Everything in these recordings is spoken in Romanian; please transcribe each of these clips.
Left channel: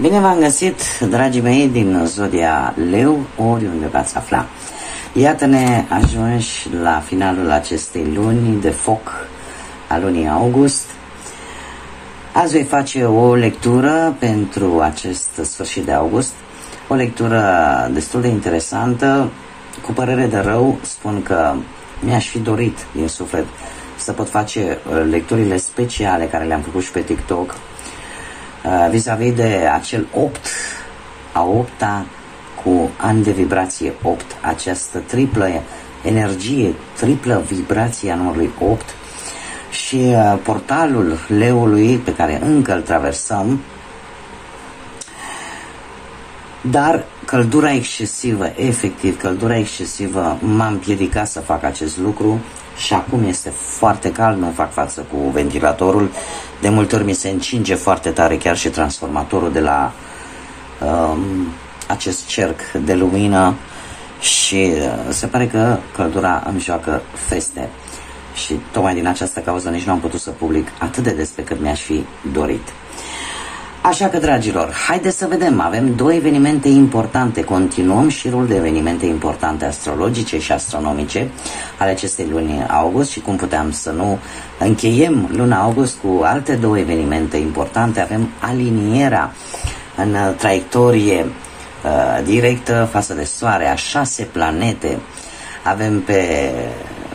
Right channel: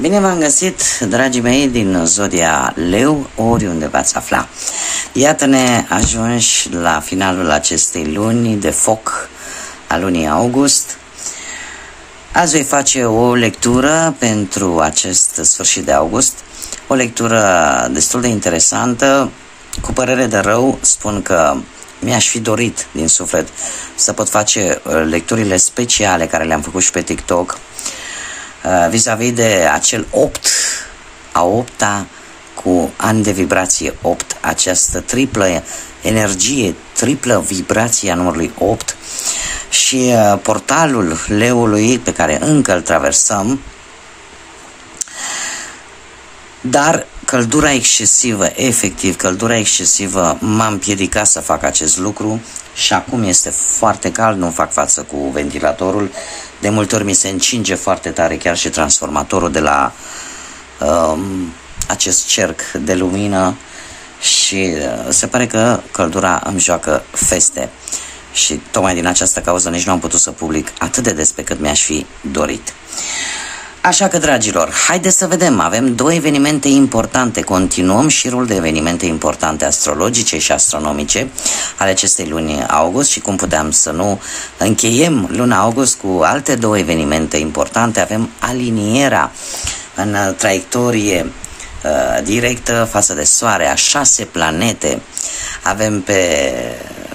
Bine v-am găsit, dragii mei, din zodia Leu, oriunde v-ați afla. Iată-ne ajunși la finalul acestei luni de foc a lunii august. Azi voi face o lectură pentru acest sfârșit de august, o lectură destul de interesantă. Cu părere de rău spun că mi-aș fi dorit din suflet să pot face lecturile speciale care le-am făcut și pe TikTok vis-a-vis de acel 8, a 8-a cu ani de vibrație 8, această triplă energie, triplă vibrație a numărului 8 și portalul leului pe care încă îl traversăm, dar căldura excesivă, efectiv, căldura excesivă m-a împiedicat să fac acest lucru și acum este foarte cald, nu fac față cu ventilatorul. De multe ori mi se încinge foarte tare chiar și transformatorul de la acest cerc de lumină și se pare că căldura îmi joacă feste. Și tocmai din această cauză nici nu am putut să public atât de des pe cât mi-aș fi dorit. Așa că, dragilor, haideți să vedem, avem două evenimente importante, continuăm șirul de evenimente importante astrologice și astronomice ale acestei luni august și cum puteam să nu încheiem luna august cu alte două evenimente importante. Avem alinierea în traiectorie directă față de Soare a 6 planete. Avem pe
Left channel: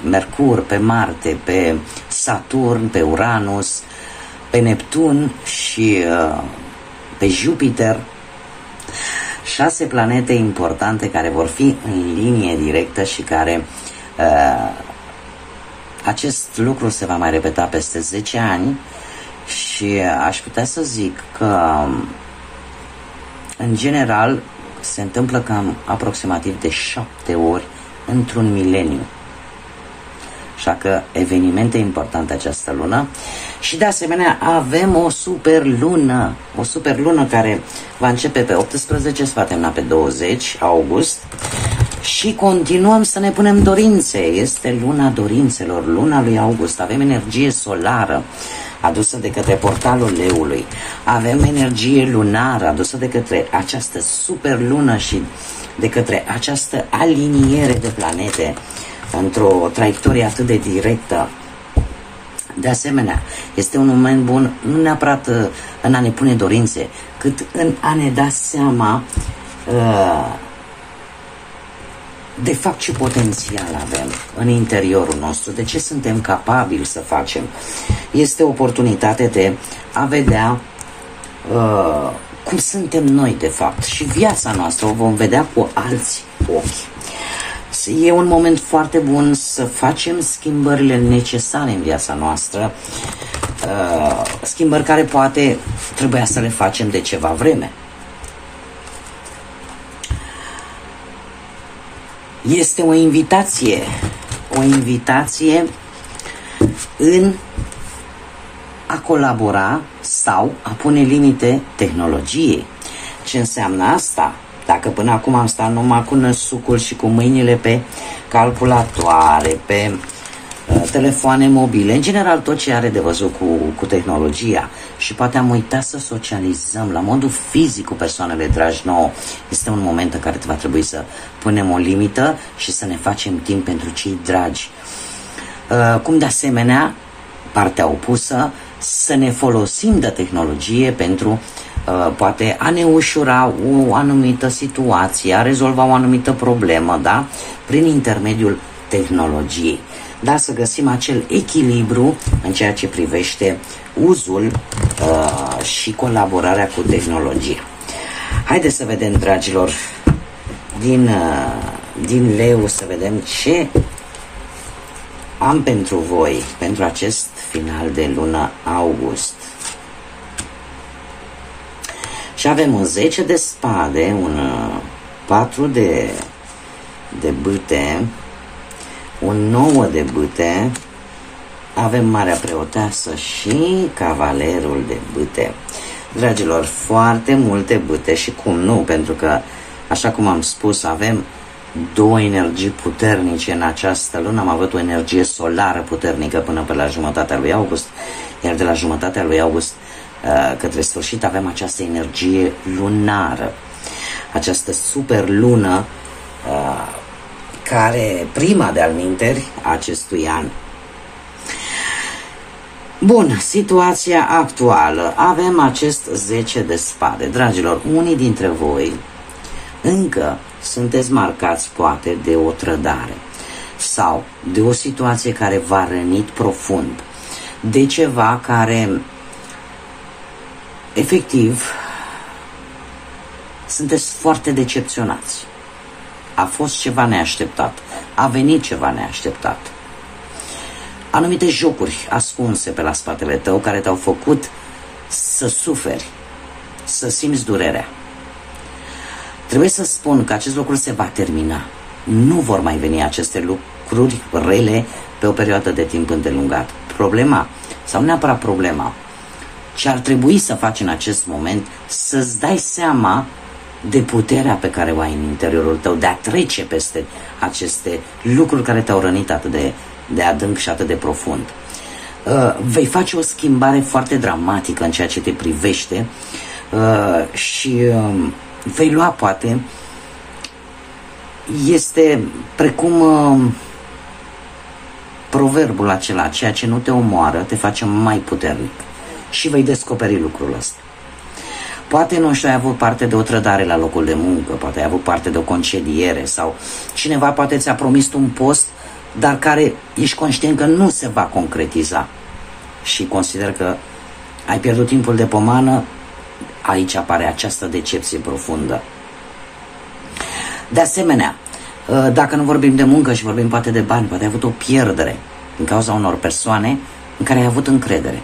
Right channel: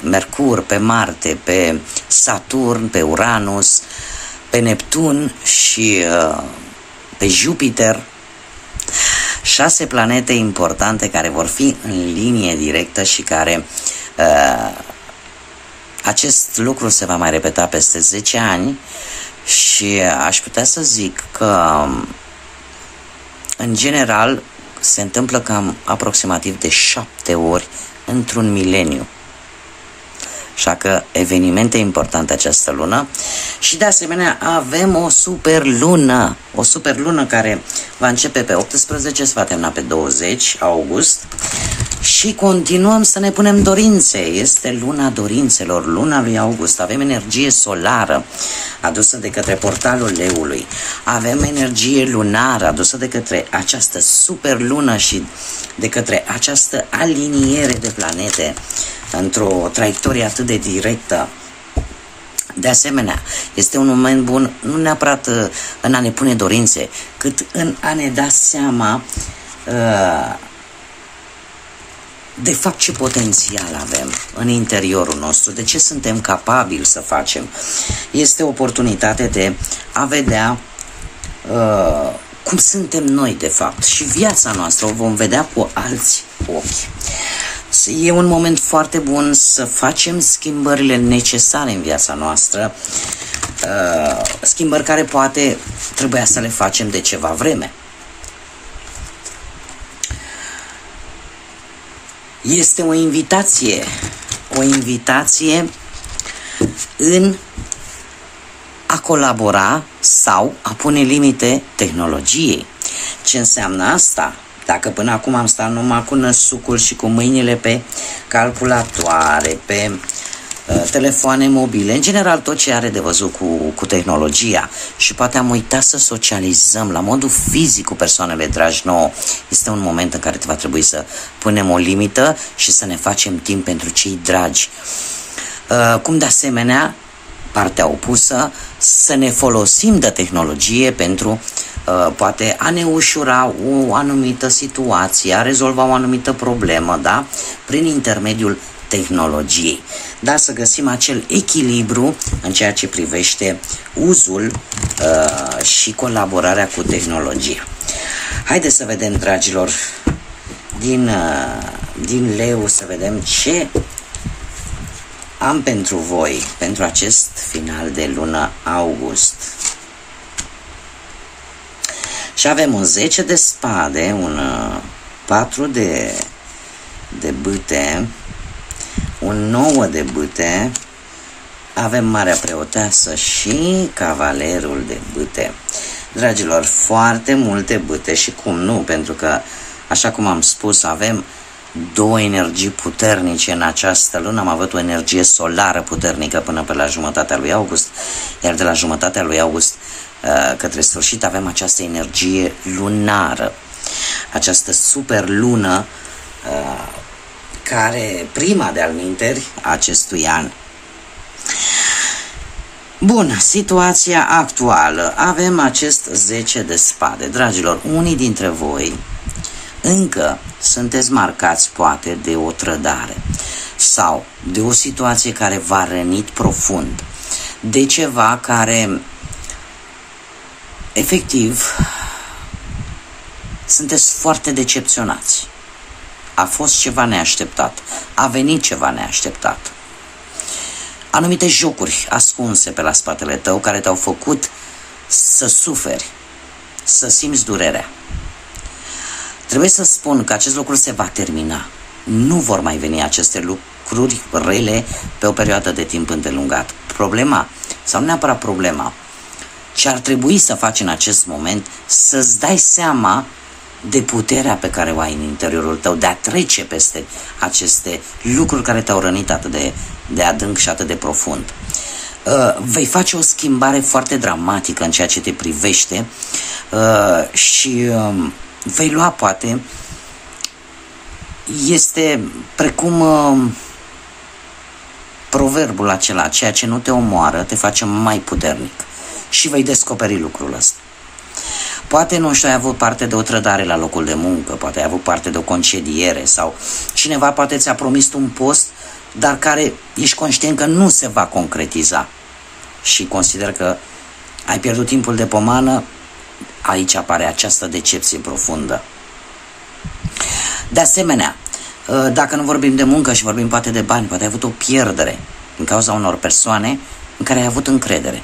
Mercur, pe Marte, pe Saturn, pe Uranus, pe Neptun și pe Jupiter, 6 planete importante care vor fi în linie directă și care acest lucru se va mai repeta peste 10 ani și aș putea să zic că în general se întâmplă cam aproximativ de 7 ori într-un mileniu. Așa că evenimente importante această lună și de asemenea avem o superlună care va începe pe 18, se va termina pe 20 august și continuăm să ne punem dorințe. Este luna dorințelor, luna lui august. Avem energie solară adusă de către portalul leului, avem energie lunară adusă de către această superlună și de către această aliniere de planete într-o traiectorie atât de directă. De asemenea, este un moment bun nu neapărat în a ne pune dorințe, cât în a ne da seama de fapt ce potențial avem în interiorul nostru, de ce suntem capabili să facem. Este o oportunitate de a vedea cum suntem noi de fapt și viața noastră o vom vedea cu alți ochi. E un moment foarte bun să facem schimbările necesare în viața noastră, schimbări care poate trebuia să le facem de ceva vreme. Este o invitație în a colabora sau a pune limite tehnologiei. Ce înseamnă asta? Dacă până acum am stat numai cu năsucul și cu mâinile pe calculatoare, pe telefoane mobile, în general tot ce are de văzut cu tehnologia și poate am uitat să socializăm la modul fizic cu persoanele dragi nouă, este un moment în care va trebui să punem o limită și să ne facem timp pentru cei dragi. Cum de asemenea, partea opusă, să ne folosim de tehnologie pentru poate a ne ușura o anumită situație, a rezolva o anumită problemă, da? Prin intermediul tehnologiei. Da, să găsim acel echilibru în ceea ce privește uzul și colaborarea cu tehnologia. Haideți să vedem, dragilor, din leu, să vedem ce am pentru voi, pentru acest final de lună august. Și avem un 10 de spade, un 4 de bâte, un 9 de bâte, avem Marea Preoteasă și Cavalerul de bâte. Dragilor, foarte multe bâte și cum nu, pentru că, așa cum am spus, avem două energii puternice în această lună. Am avut o energie solară puternică până pe la jumătatea lui august, iar de la jumătatea lui august către sfârșit avem această energie lunară, această super lună care prima de alminteri acestui an. Bun, situația actuală. Avem acest 10 de spade. Dragilor, unii dintre voi încă sunteți marcați poate de o trădare sau de o situație care v-a rănit profund, de ceva care efectiv sunteți foarte decepționați. A fost ceva neașteptat, a venit ceva neașteptat. Anumite jocuri ascunse pe la spatele tău care te-au făcut să suferi, să simți durerea. Trebuie să spun că acest lucru se va termina. Nu vor mai veni aceste lucruri rele pe o perioadă de timp îndelungat. Problema, sau nu neapărat problema, ce ar trebui să faci în acest moment, să-ți dai seama de puterea pe care o ai în interiorul tău, de a trece peste aceste lucruri care te-au rănit atât de adânc și atât de profund. Vei face o schimbare foarte dramatică în ceea ce te privește și vei lua, poate, este precum proverbul acela, ceea ce nu te omoară te face mai puternic, și vei descoperi lucrul ăsta. Poate, nu știu, ai avut parte de o trădare la locul de muncă, poate ai avut parte de o concediere sau cineva poate ți-a promis un post, dar care ești conștient că nu se va concretiza și consider că ai pierdut timpul de pomană. Aici apare această decepție profundă. De asemenea, dacă nu vorbim de muncă și vorbim poate de bani, poate ai avut o pierdere din cauza unor persoane în care ai avut încredere.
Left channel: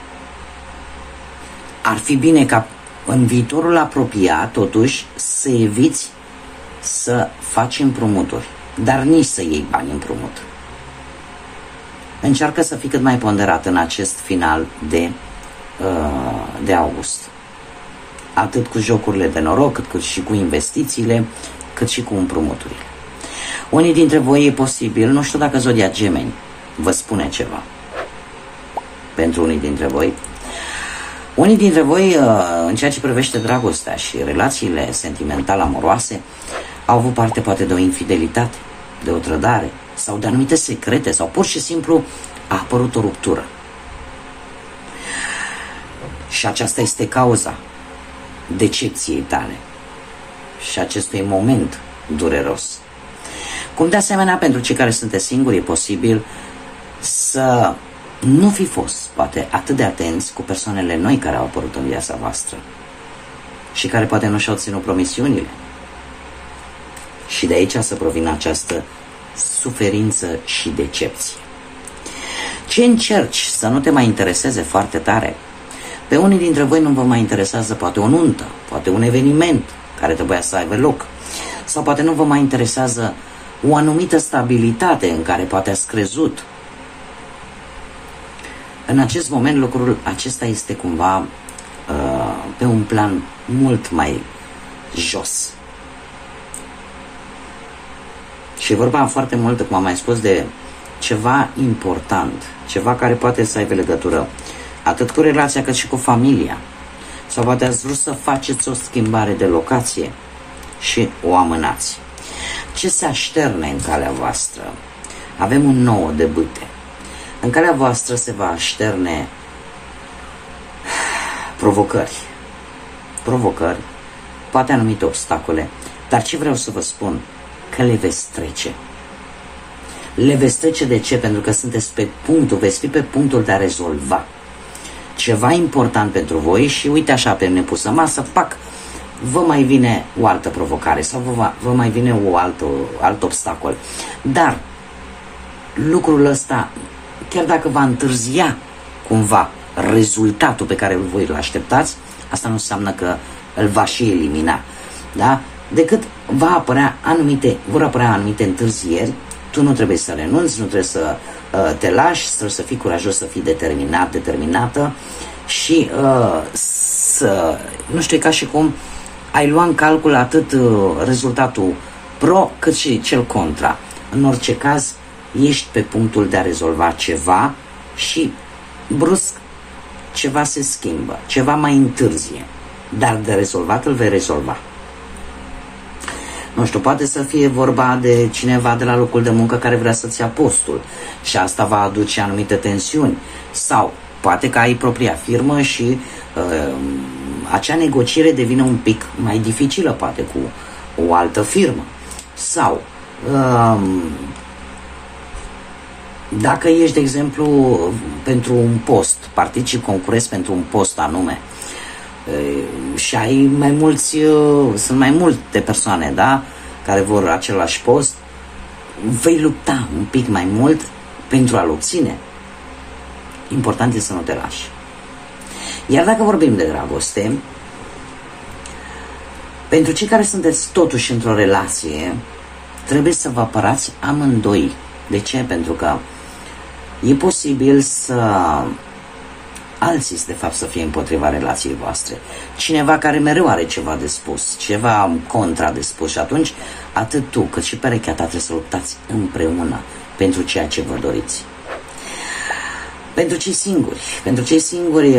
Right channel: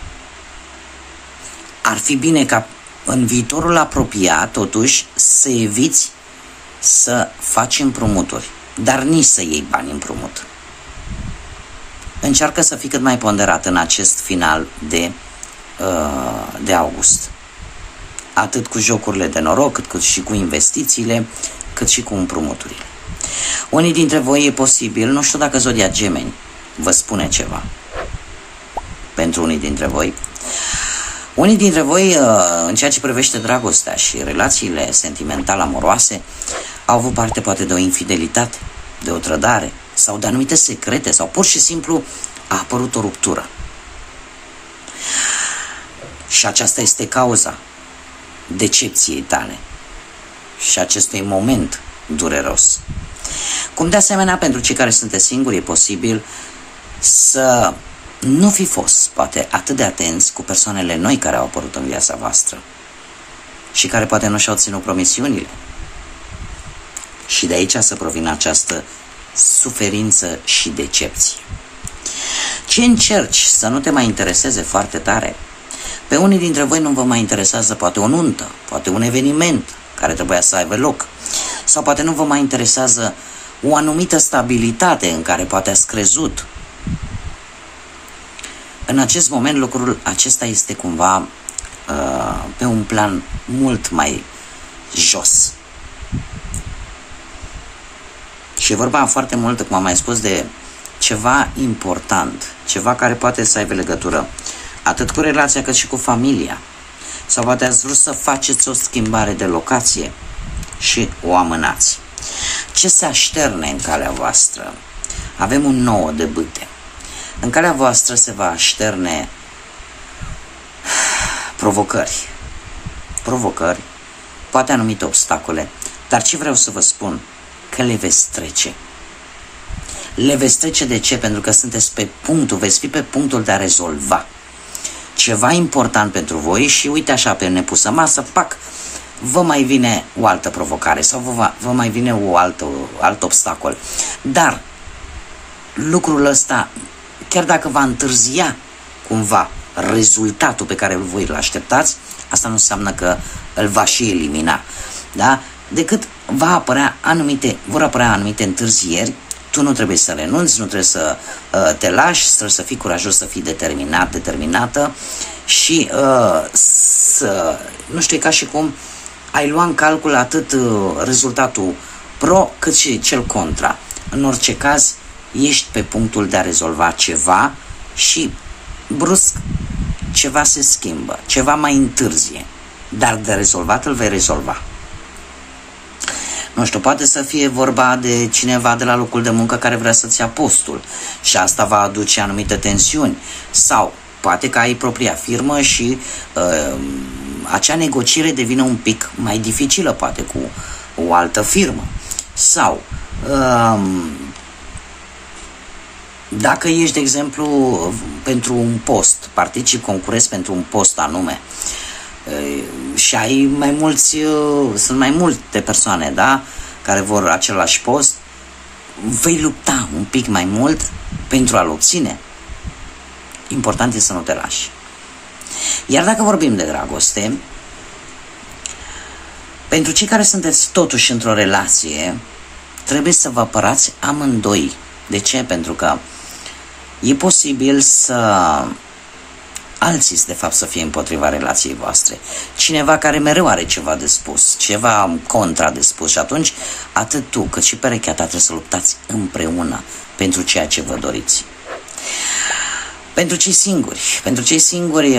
Ar fi bine ca în viitorul apropiat, totuși, să eviți să faci împrumuturi, dar nici să iei bani împrumut. Încearcă să fii cât mai ponderat în acest final de august. Atât cu jocurile de noroc, cât și cu investițiile, cât și cu împrumuturile. Unii dintre voi e posibil, nu știu dacă zodia Gemeni vă spune ceva. Pentru unii dintre voi. Unii dintre voi, în ceea ce privește dragostea și relațiile sentimentale amoroase, au avut parte poate de o infidelitate, de o trădare sau de anumite secrete sau pur și simplu a apărut o ruptură. Și aceasta este cauza decepției tale și acestui moment dureros. Cum de asemenea pentru cei care sunteți singuri, e posibil să nu fi fost, poate, atât de atenți cu persoanele noi care au apărut în viața voastră și care poate nu și-au ținut promisiunile. Și de aici să provină această suferință și decepție. Ce încerci să nu te mai intereseze foarte tare? Pe unii dintre voi nu vă mai interesează poate o nuntă, poate un eveniment care trebuia să aibă loc, sau poate nu vă mai interesează o anumită stabilitate în care poate ați crezut. În acest moment lucrul acesta este cumva pe un plan mult mai jos. Și e vorba foarte mult, cum am mai spus, de ceva important, ceva care poate să aibă legătură atât cu relația cât și cu familia. Sau poate ați vrut să faceți o schimbare de locație și o amânați. Ce se așterne în calea voastră? Avem un 9 de bâte. În calea voastră se va așterne provocări, poate anumite obstacole, dar ce vreau să vă spun? Că le veți trece. Le veți trece de ce? Pentru că sunteți veți fi pe punctul de a rezolva ceva important pentru voi și uite așa, pe nepusă masă, pac, vă mai vine o altă provocare sau vă mai vine alt obstacol. Dar lucrul ăsta, chiar dacă va întârzia cumva rezultatul pe care voi îl așteptați, asta nu înseamnă că îl va și elimina. Da? Decât vor apărea anumite întârzieri, tu nu trebuie să renunți, nu trebuie să te lași, trebuie să fii curajos, să fii determinată și nu știu, ca și cum ai lua în calcul atât rezultatul pro cât și cel contra. În orice caz, ești pe punctul de a rezolva ceva și brusc ceva se schimbă, ceva mai întârzie, dar de rezolvat îl vei rezolva. Nu știu, poate să fie vorba de cineva de la locul de muncă care vrea să-ți ia postul și asta va aduce anumite tensiuni, sau poate că ai propria firmă și acea negociere devine un pic mai dificilă, poate cu o altă firmă, sau dacă ești, de exemplu, pentru un post, participi, concurezi pentru un post anume și ai mai mulți, sunt mai multe persoane, da, care vor același post, vei lupta un pic mai mult pentru a-l obține. Important este să nu te lași. Iar dacă vorbim de dragoste, pentru cei care sunteți totuși într-o relație, trebuie să vă apărați amândoi. De ce? Pentru că e posibil să alții, de fapt, să fie împotriva relației voastre. Cineva care mereu are ceva de spus, ceva contra de spus, și atunci atât tu cât și perechea ta trebuie să luptați împreună pentru ceea ce vă doriți. Pentru cei singuri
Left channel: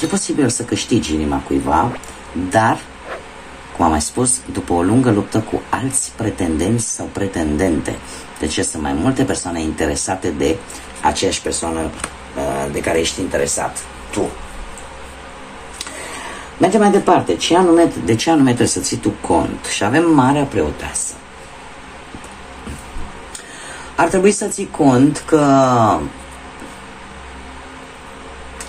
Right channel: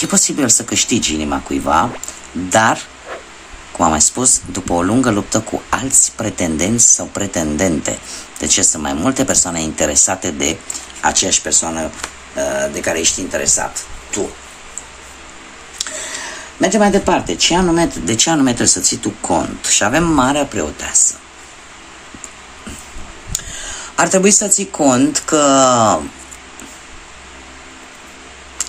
e posibil să câștigi inima cuiva, dar, cum am mai spus, după o lungă luptă cu alți pretendenți sau pretendente. Deci sunt mai multe persoane interesate de aceeași persoană de care ești interesat tu. Mergem mai departe. De ce anume trebuie să ții tu cont? Și avem Marea Preoteasă. Ar trebui să ții cont că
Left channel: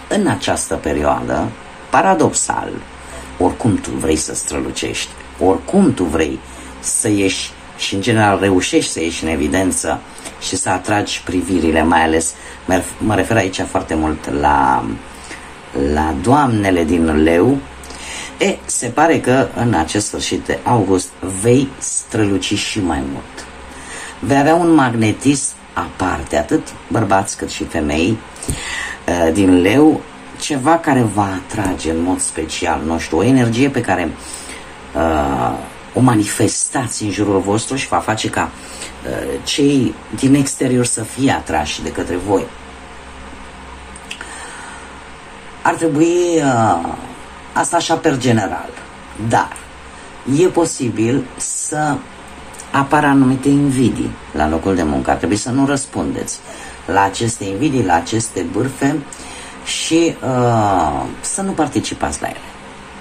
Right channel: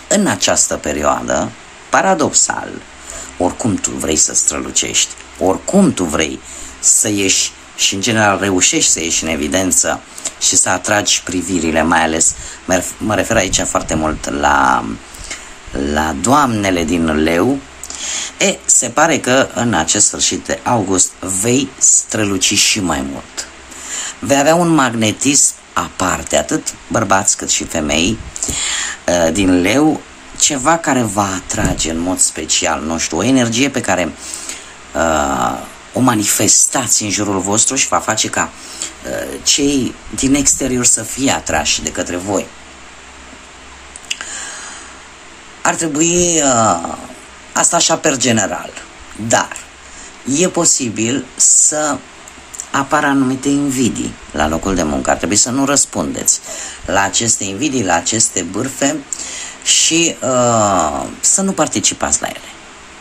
în această perioadă, paradoxal, oricum tu vrei să strălucești, oricum tu vrei să ieși și în general reușești să ieși în evidență și să atragi privirile, mai ales, mă refer aici foarte mult la doamnele din Leu, se pare că în acest sfârșit de august vei străluci și mai mult. Vei avea un magnetism aparte, atât bărbați cât și femei din Leu, ceva care va atrage în mod special, nu știu, o energie pe care o manifestați în jurul vostru și va face ca cei din exterior să fie atrași de către voi. Ar trebui asta așa per general, dar e posibil să apară anumite invidii la locul de muncă. Ar trebui să nu răspundeți la aceste invidii, la aceste bârfe și să nu participați la ele.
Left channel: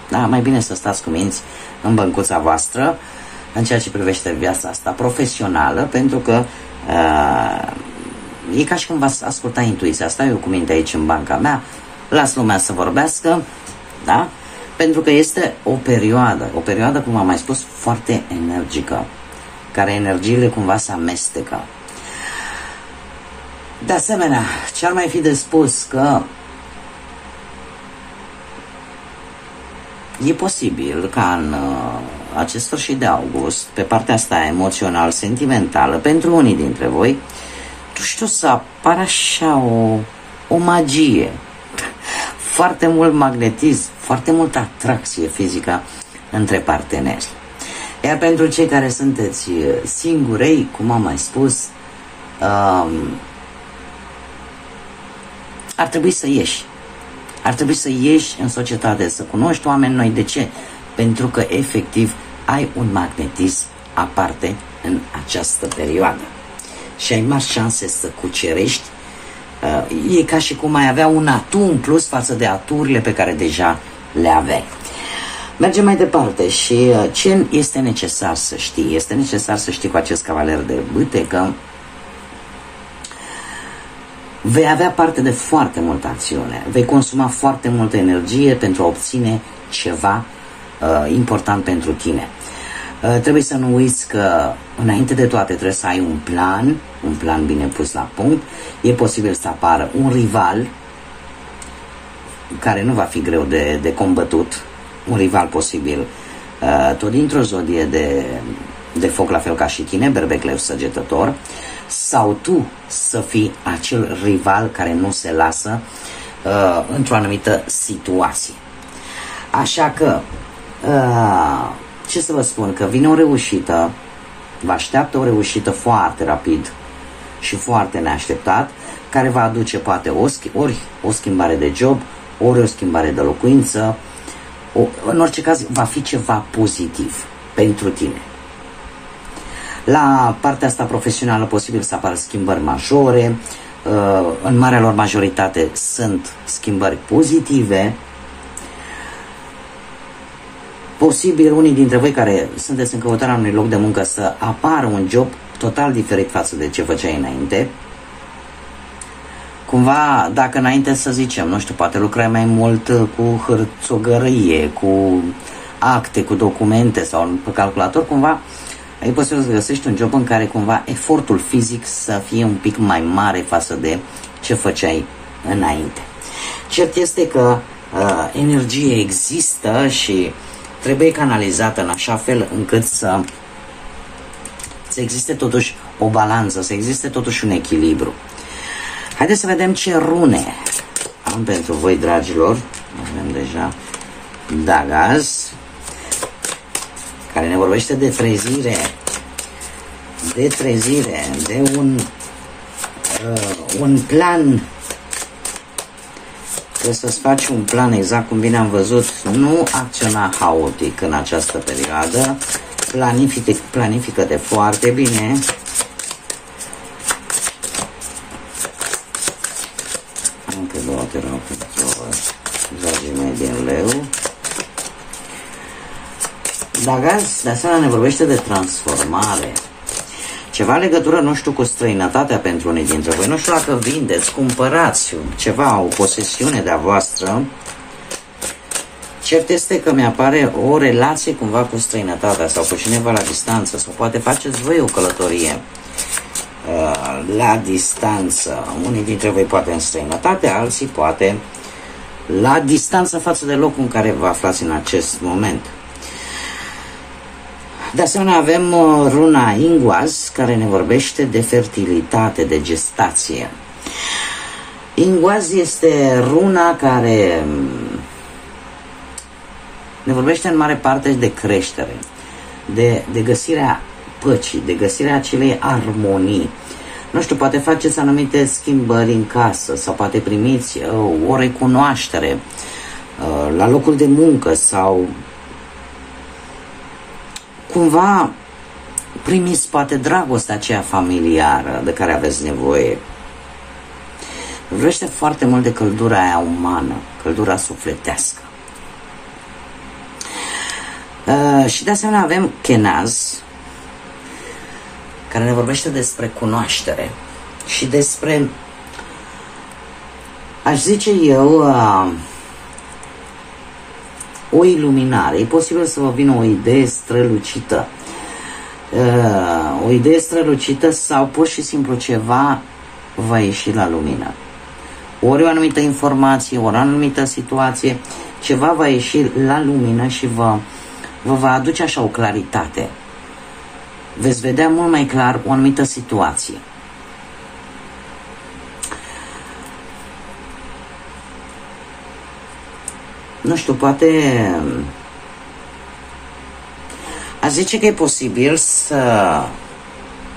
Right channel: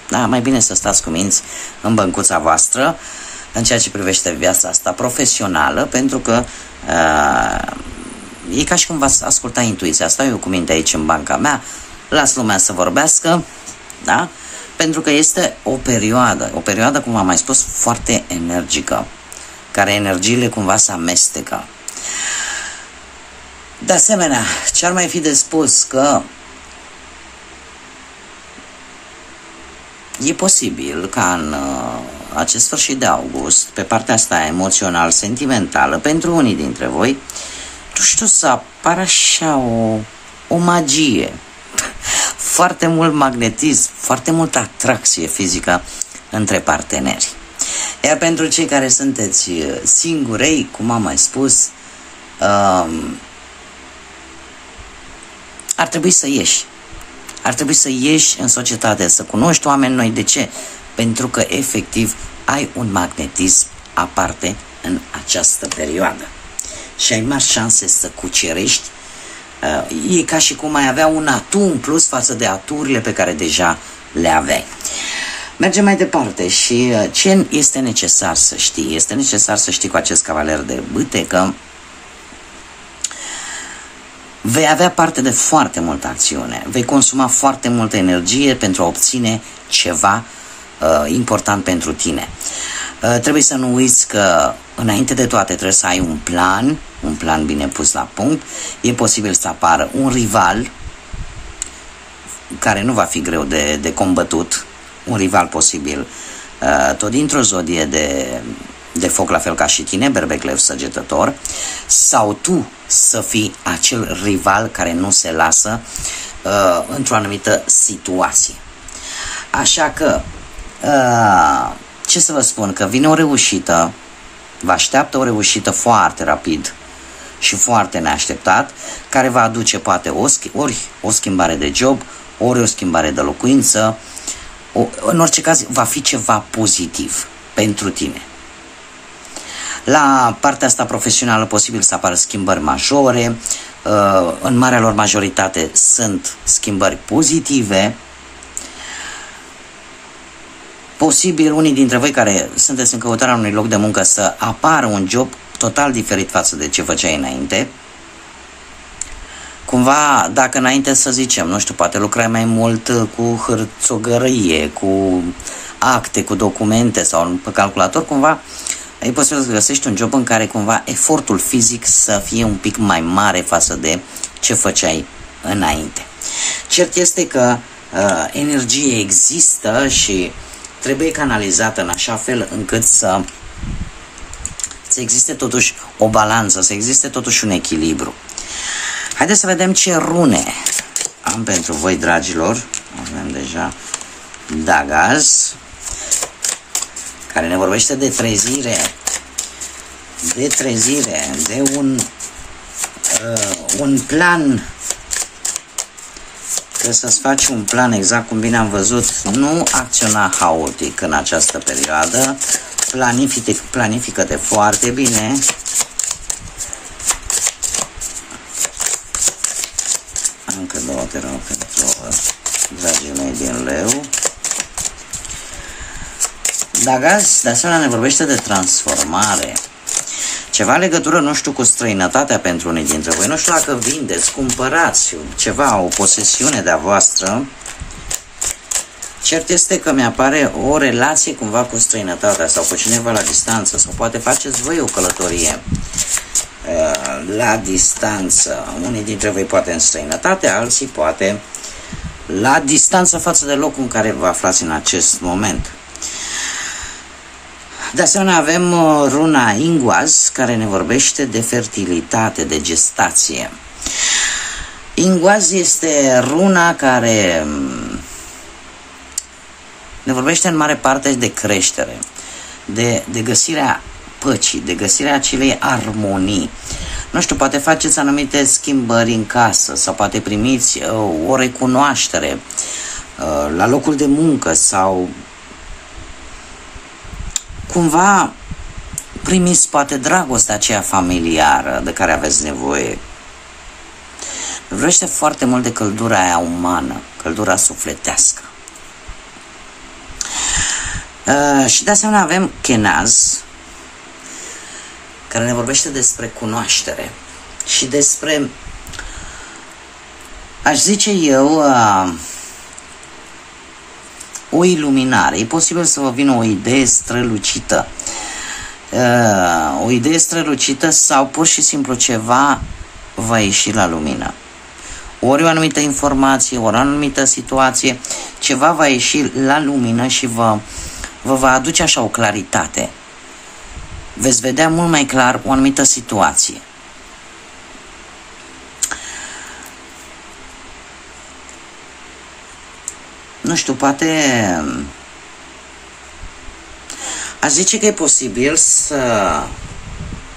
Da, mai bine să stați cu minți în băncuța voastră în ceea ce privește viața asta profesională, pentru că e ca și cum v-ați asculta intuiția. Stau eu cu minte aici în banca mea, las lumea să vorbească, da? Pentru că este o perioadă, cum am mai spus, foarte energică, care energiile cumva se amestecă. De asemenea, ce ar mai fi de spus, că e posibil ca în acest sfârșit de august, pe partea asta emoțional, sentimentală, pentru unii dintre voi, tu știu, să apară așa o magie, foarte mult magnetism, foarte multă atracție fizică între parteneri. Iar pentru cei care sunteți singurei, cum am mai spus, ar trebui să ieși. Ar trebui să ieși în societate, să cunoști oameni noi. De ce? Pentru că efectiv ai un magnetism aparte în această perioadă. Și ai mari șanse să cucerești. E ca și cum ai avea un atu în plus față de aturile pe care deja le aveai. Mergem mai departe. Și ce este necesar să știi? Este necesar să știi cu acest cavaler de bâte că vei avea parte de foarte multă acțiune, vei consuma foarte multă energie pentru a obține ceva important pentru tine. Trebuie să nu uiți că înainte de toate trebuie să ai un plan bine pus la punct. E posibil să apară un rival care nu va fi greu de combătut, un rival posibil tot dintr-o zodie de foc, la fel ca și tine, Berbecleu Săgetător, sau tu să fii acel rival care nu se lasă într-o anumită situație. Așa că, ce să vă spun, că vine o reușită, vă așteaptă o reușită foarte rapid și foarte neașteptat, care va aduce poate ori o schimbare de job, ori o schimbare de locuință, în orice caz va fi ceva pozitiv pentru tine. La partea asta profesională posibil să apară schimbări majore, în marea lor majoritate sunt schimbări pozitive. Posibil unii dintre voi care sunteți în căutarea unui loc de muncă să apară un job total diferit față de ce făceai înainte. Cumva, dacă înainte să zicem, nu știu, poate lucrai mai mult cu hârțogărie, cu acte, cu documente sau pe calculator, cumva ai posibil să găsești un job în care cumva efortul fizic să fie un pic mai mare față de ce făceai înainte. Cert este că energie există și trebuie canalizată în așa fel încât să existe totuși o balanță, să existe totuși un echilibru. Haideți să vedem ce rune am pentru voi, dragilor. Avem deja Dagaz, care ne vorbește de trezire, de un plan. Trebuie să-ți faci un plan exact cum bine am văzut, nu acționa haotic în această perioadă, planifică-te foarte bine. Încă două, te rog, pentru dragii mei din Leu. Dagaz, de asemenea, ne vorbește de transformare. Ceva legătură, nu știu, cu străinătatea pentru unii dintre voi. Nu știu dacă vindeți, cumpărați ceva, o posesiune de-a voastră. Cert este că mi-apare o relație cumva cu străinătatea sau cu cineva la distanță, sau poate faceți voi o călătorie la distanță. Unii dintre voi poate în străinătate, alții poate la distanță față de locul în care vă aflați în acest moment. De asemenea avem runa Ingwaz, care ne vorbește de fertilitate, de gestație. Ingwaz este runa care ne vorbește în mare parte de creștere, de găsirea păcii, de găsirea acelei armonii. Nu știu, poate faceți anumite schimbări în casă sau poate primiți o recunoaștere la locul de muncă sau cumva primiți poate dragostea aceea familiară de care aveți nevoie. Vrește foarte mult de căldura aia umană, căldura sufletească. Și de asemenea avem Kenaz, care ne vorbește despre cunoaștere și despre, aș zice eu, o iluminare. E posibil să vă vină o idee strălucită. O idee strălucită sau pur și simplu ceva va ieși la lumină. Ori o anumită informație, ori o anumită situație, ceva va ieși la lumină și vă va aduce așa o claritate. Veți vedea mult mai clar o anumită situație. Nu știu, poate aș zice că e posibil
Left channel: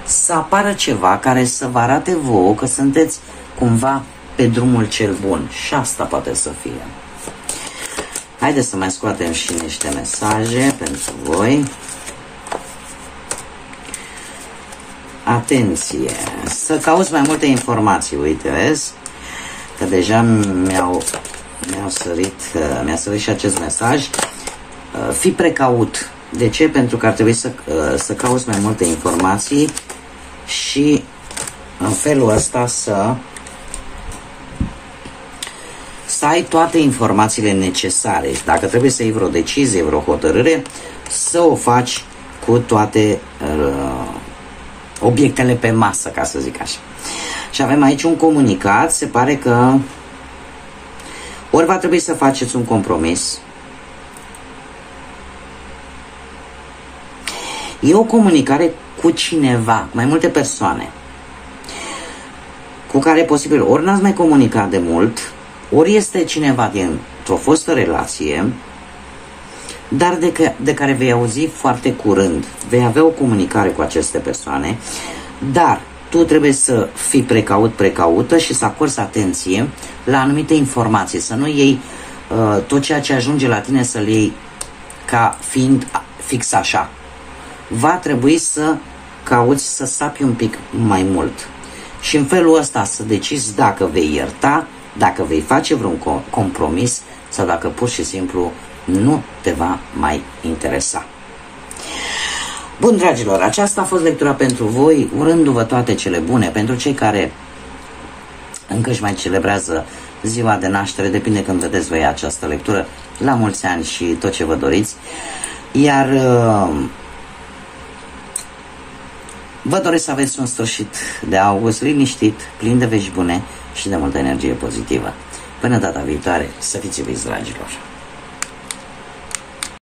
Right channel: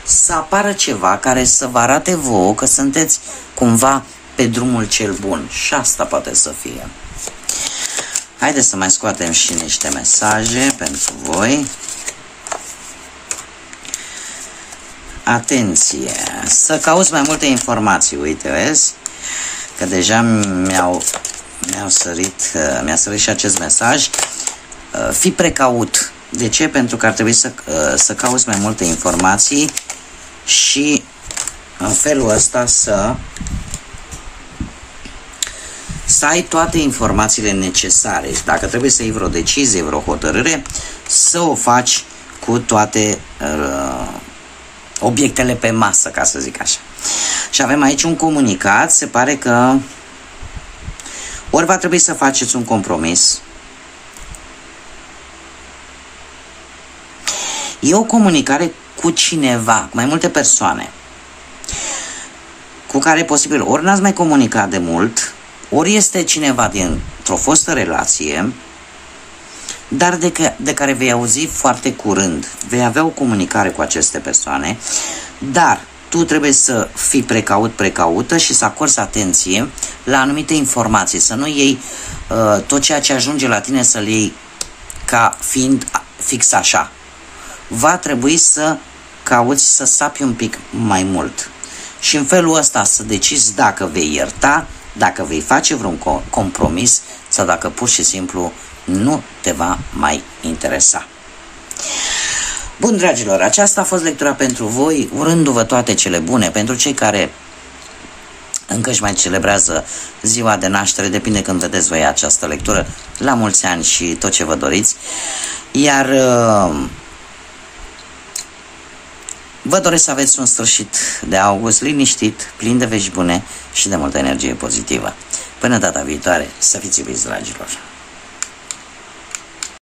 să apară ceva care să vă arate vouă că sunteți cumva pe drumul cel bun. Și asta poate să fie. Haideți să mai scoatem și niște mesaje pentru voi. Atenție! Să cauți mai multe informații. Uite, vezi? Că deja mi-a sărit și acest mesaj. Fii precaut. De ce? Pentru că ar trebui să cauți mai multe informații și în felul ăsta să ai toate informațiile necesare. Dacă trebuie să iei vreo decizie, vreo hotărâre, să o faci cu toate obiectele pe masă, ca să zic așa. Și avem aici un comunicat. Se pare că ori va trebui să faceți un compromis. E o comunicare cu cineva, cu mai multe persoane, cu care posibil ori n-ați mai comunicat de mult, ori este cineva dintr-o fostă relație, dar de care vei auzi foarte curând. Vei avea o comunicare cu aceste persoane, dar tu trebuie să fii precaută și să acorzi atenție la anumite informații, să nu iei tot ceea ce ajunge la tine să-l iei ca fiind fix așa. Va trebui să cauți să sapi un pic mai mult și în felul ăsta să decizi dacă vei ierta, dacă vei face vreun compromis sau dacă pur și simplu nu te va mai interesa. Bun, dragilor, aceasta a fost lectura pentru voi, urându-vă toate cele bune. Pentru cei care încă își mai celebrează ziua de naștere, depinde când vedeți voi această lectură, la mulți ani și tot ce vă doriți. Iar vă doresc să aveți un sfârșit de august liniștit, plin de vești bune și de multă energie pozitivă. Până data viitoare, să fiți iubiți, dragilor!